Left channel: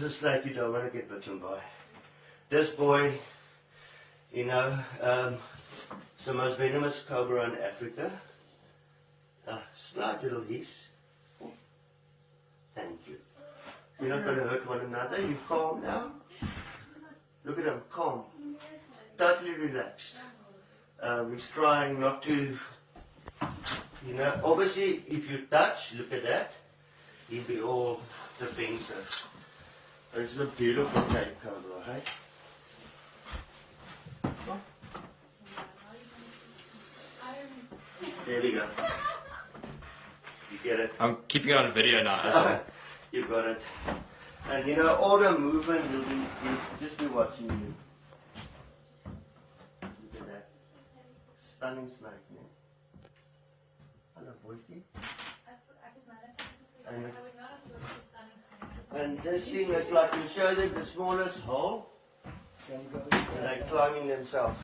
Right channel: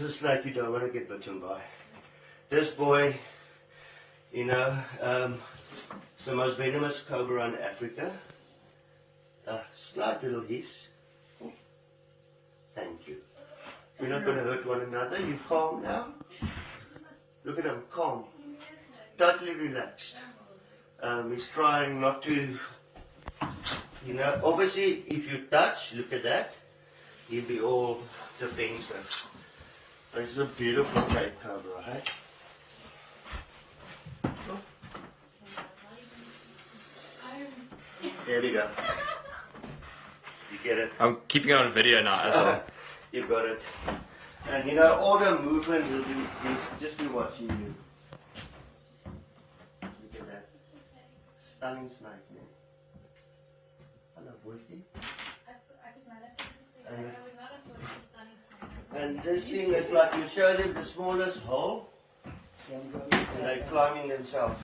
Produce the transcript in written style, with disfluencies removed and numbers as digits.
This is a snake you don't want to get bitten by. This boy, you know, it's the most venomous cobra in Africa. Slight little hiss. Thank you. You're not going to hurt one another. You calm now? Look at him, calm. Totally relaxed. He's trying not to, you know, obviously if you touch, look at that, he'll be all defensive. This is a beautiful Cape Cobra, hey? There we go. You get it? I'm keeping it on video now as well. You got it. And you know, all the movement will be just be watching you. Look at that. Stunning snake, man. Hello, boysy. And this thing is like you show them the smallest hole, and they're climbing themselves.